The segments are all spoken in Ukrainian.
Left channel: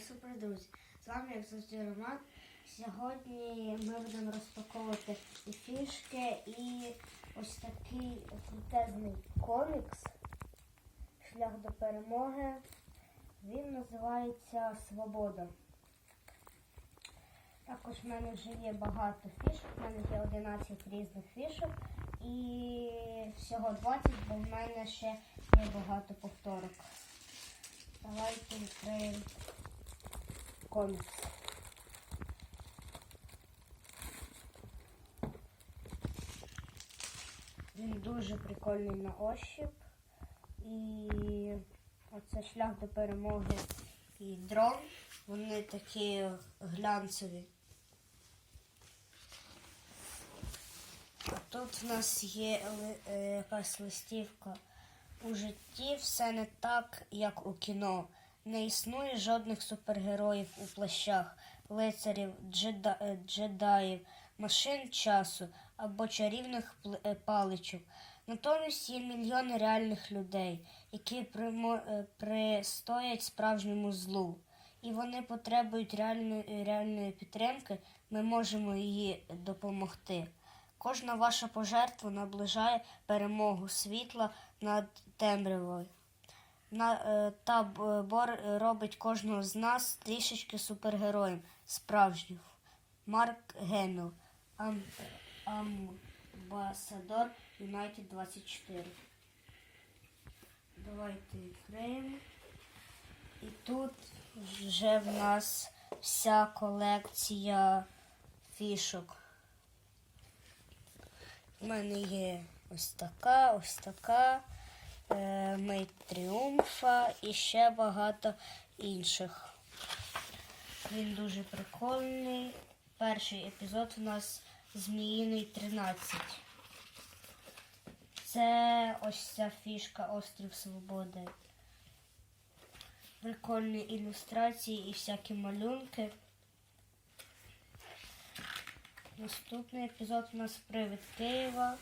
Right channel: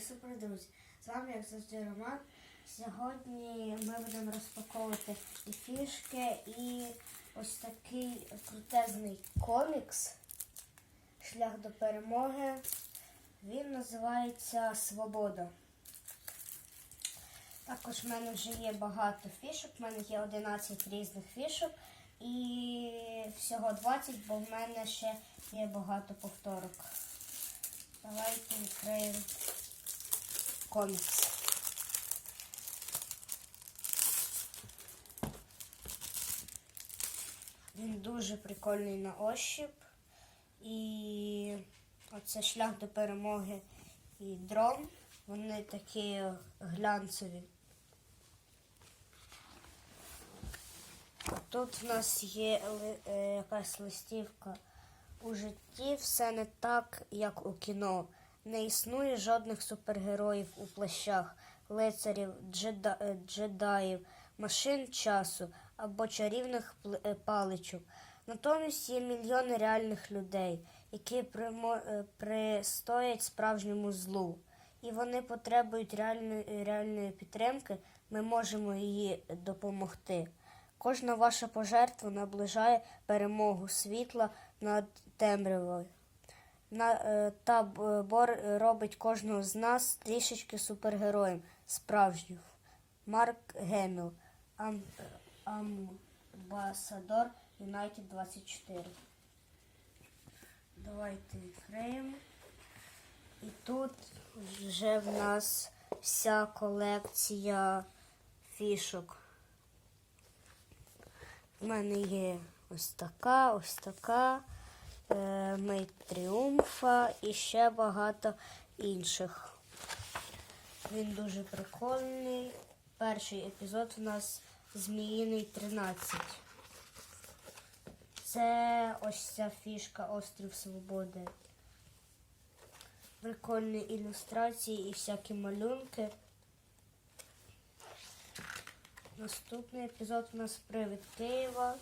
супер друзі. З вами, як завжди, Роман. Сьогодні ми будемо розпаковувати і фішки, і ось такий крутезний комікс Шлях до перемоги. Він називається Свобода. Також в мене вже є багато фішок. У мене є 11 різних фішок і всього 20, бо в мене ще є багато повторок. Давайте відкриємо комікс. Він дуже прикольний на ощуп. І оце шлях до перемоги і дрон. Вони такі глянцеві. Тут в нас є е, якась листівка. У житті все не так, як у кіно. Не існує жодних супергероїв у плащах, лицарів, джеда, е, джедаїв, машин часу або чарівних е, паличок. Натомість є мільйони реальних людей, які примо- е, пристоять справжньому злу. І вони потребують реальної, реальної підтримки. Ми можемо її допомогти. Кожна ваша пожертва наближає перемогу світла над темрявою. На, е, та бор робить кожного з нас трішечки супергероєм справжнім. Марк Геміл, ам, амбасадор Юнайтед 24. Давайте відкриємо. І тут вже в нас вся колекція фішок. У мене є ось така, ось така, е, Мейт Тріумфа і ще багато інших. Він дуже прикольний. Перший епізод у нас Зміїний 13. Це ось ця фішка Острів Свободи. Прикольні ілюстрації і всякі малюнки. Наступний епізод у нас Привид Києва.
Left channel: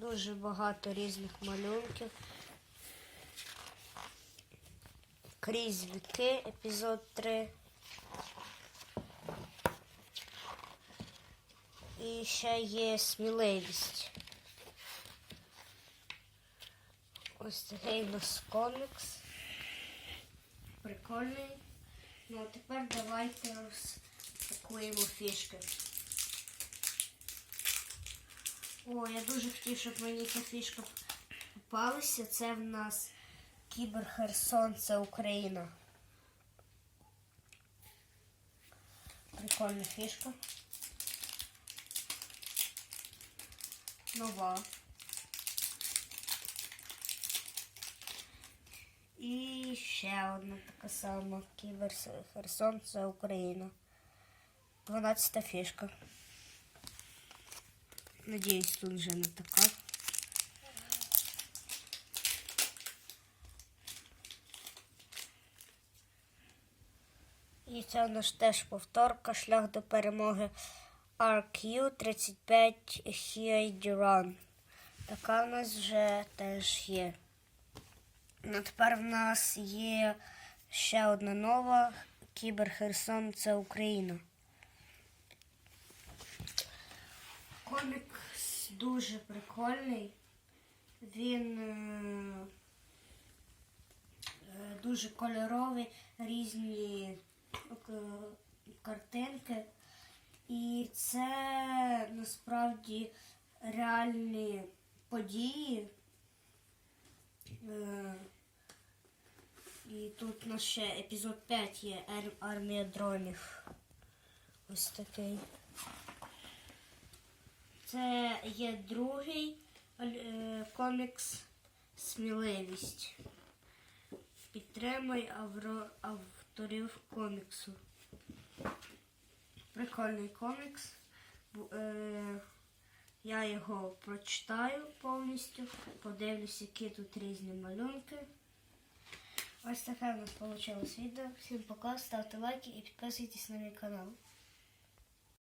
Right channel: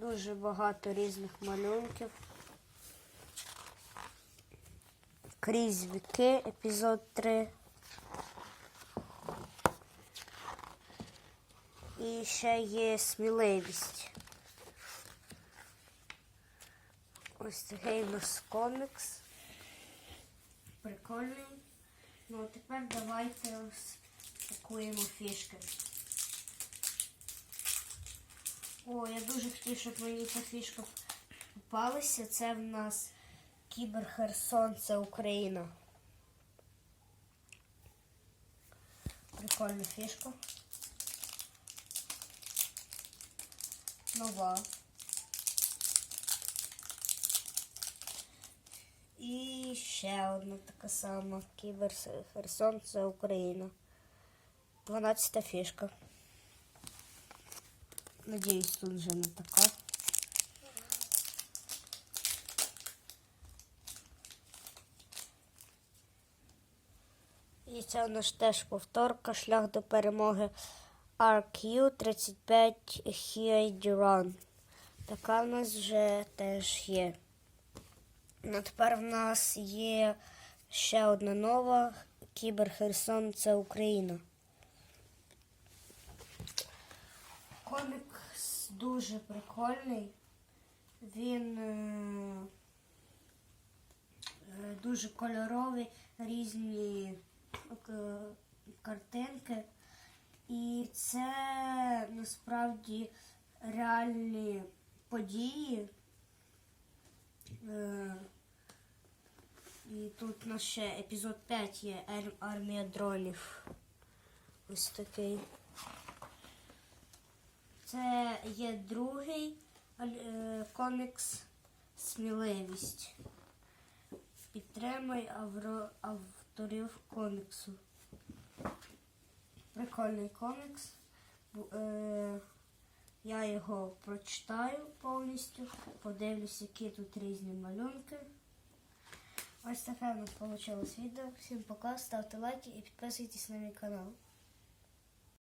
Дуже багато різних малюнків. Крізь віки, епізод 3. І ще є сміливість. Ось такий у нас комікс. Прикольний. Ну, а тепер давайте розпакуємо фішки. О, я дуже хотів, щоб мені ця фішка попалася. Це в нас Кібер Херсон, це Україна. Прикольна фішка. Нова. І ще одна така сама. Кібер Херсон, це Україна. 12 фішка. Надіюсь, тут вже не така. І це у нас теж повторка, шлях до перемоги RQ35 Run. Така в нас вже теж є. Ну, тепер в нас є ще одна нова Кібер Херсон це Україна. Дуже прикольний. Він е, е, дуже кольоровий, різні е, картинки. І це насправді реальні події. І тут у нас ще епізод 5 є армія дронів. Ось такий. Це є другий е, комікс Сміливість. Підтримай авро- авторів коміксу. Прикольний комікс. Е, Я його прочитаю повністю, подивлюсь, які тут різні малюнки. Ось таке в нас вийшло відео. Всім пока, ставте лайки і підписуйтесь на мій канал.